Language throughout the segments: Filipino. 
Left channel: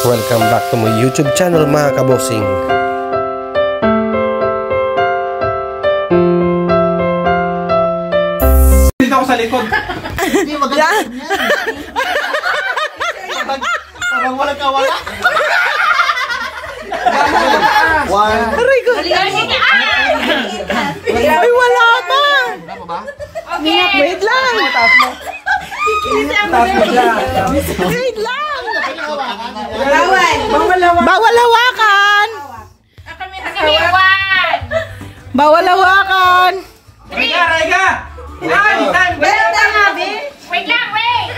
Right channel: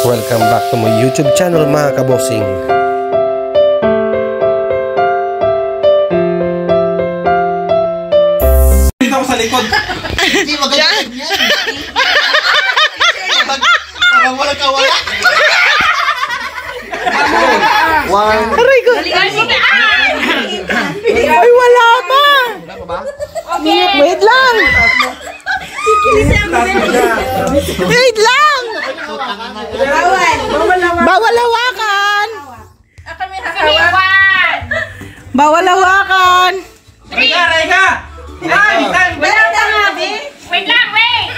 Welcome back to my YouTube channel mga kabosing. Dito ako sa likod. Hindi magandang yan. Parang walang kawala. One. Aray ko. Ay, wala pa. Wait lang. Wait lang. Bawal hawakan. Bawal hawakan. Rega! Time! Wait lang, wait!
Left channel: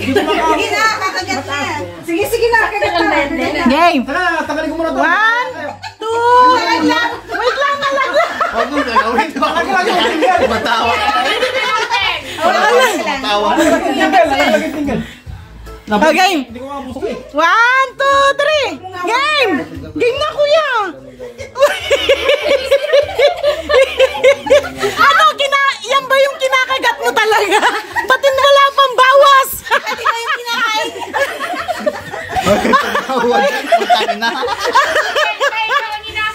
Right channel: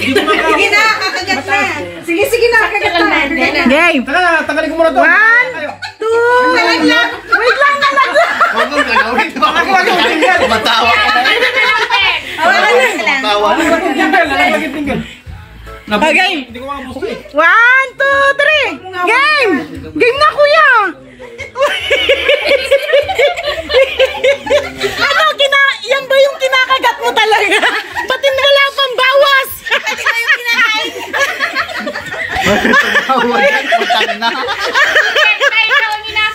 Sige na, kakagat na. Sige na, kakagat na. Game. Tagalin ko muna ito. 1, 2. Wait lang, nalaglag. Huwag mong galawin. Ako yung tinggal. Matawa. Nalaglag yung tinggal. Okay. Hindi ko makabusto eh. 1, 2, 3. Game. Game na, kuya. Ano, yan ba yung kinakagat mo talaga? Pati wala pang bawas. Pati na yung kinakain.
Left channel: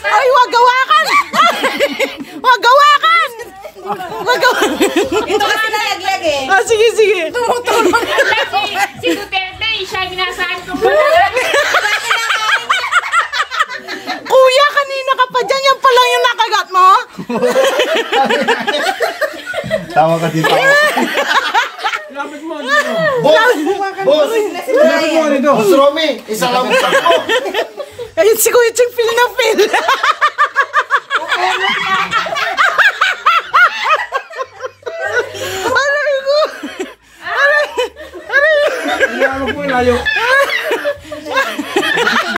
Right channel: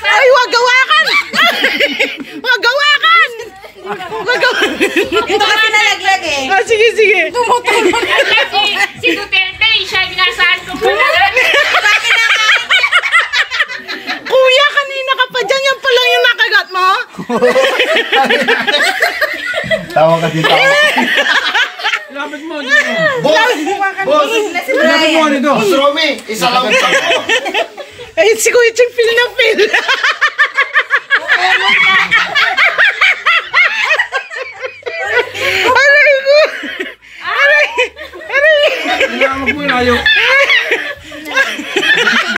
Ay, wag gawakan. Wag gawakan. Wag gawakan. Ito kasi nalaglag eh. Ah, sige, sige. Si Duterte, siya binasaan ko pala. Kuya, kanina ka pa dyan. Yan pa lang yung nakagat mo. Tawa ka dito. Lapit mo dito. Boss! Boss! Lapit mo dito. Boss Romy! Isa lang ito. Ay, si Kuya Ching feel na feel. Aray ko. Aray. Kailangan mo po yung ayaw.